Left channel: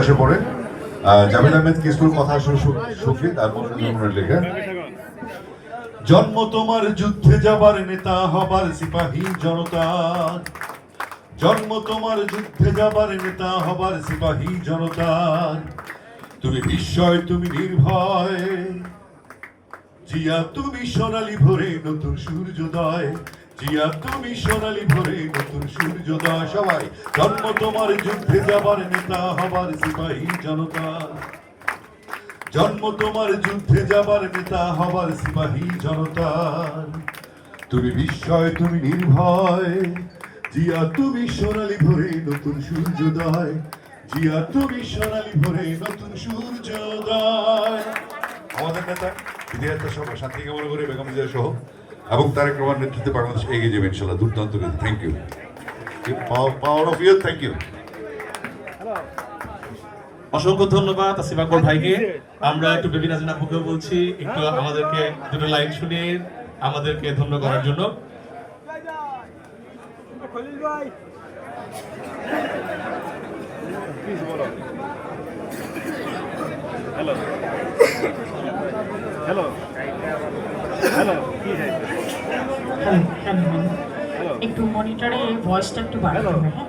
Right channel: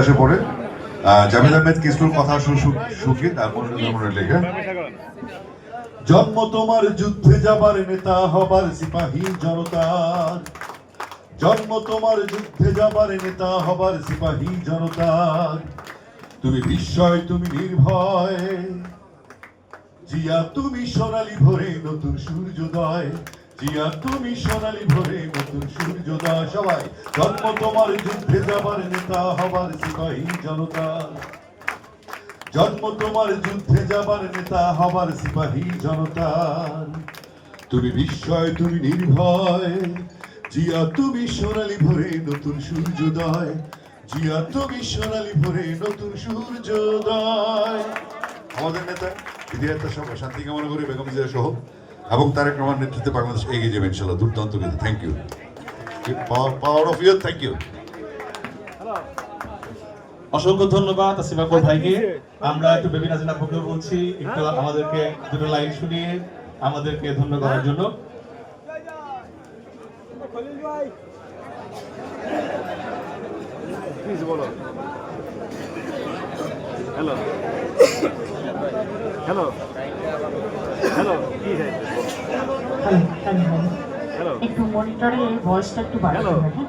আসে পড়ে জামিল আহমেদ কিস্তুর কথা সুফি তারপর লেখা জন্ম তোমার যুদ্ধে যাবার নেতা হবার সিপাহী জনতা জন্ম তোমার যুদ্ধে যাবার নেতা হবার সিপাহী জনতা তুমি বিস্ময় তুমি নির্ভয় জিয়া তুমি সোনালী ভোরে নতুন সূর্যোদয় জিয়া তুমি সোনালী ভোরে নতুন সূর্যোদয় সবাই জন্ম তোমার যুদ্ধে যাবার নেতা হবার সিপাহী জনতা জন্ম তোমার যুদ্ধে যাবার নেতা হবার সিপাহী জনতা তুমি বিস্ময় তুমি নির্ভয় জিয়া তুমি সোনালী ভোরে নতুন সূর্যোদয় জিয়া তুমি সোনালী ভোরে নতুন সূর্যোদয় আমাদের নেতা বিধায়ক সহ শান্তি কামনা করে বেগম জিয়া সহ এবং তারেক রহমান নেতৃত্বে বাংলাদেশ এগিয়ে যাবে ইনশাআল্লাহ দুর্দান্ত thank you power of you thank you অসংখ্য ধন্যবাদ আসিফ আকবর ভাইকে। আমরা একটু বেবি নাজনীন আপুকে বলছি একটু আমাদেরকে দুটো লাইন শুনিয়ে আমাদেরকে ধন্য করার জন্য। হ্যালো হ্যালো হ্যালো কি হ্যালো একটু মনিটরে ভয়েসটা একটু বাড়ানো হবে। হ্যাঁ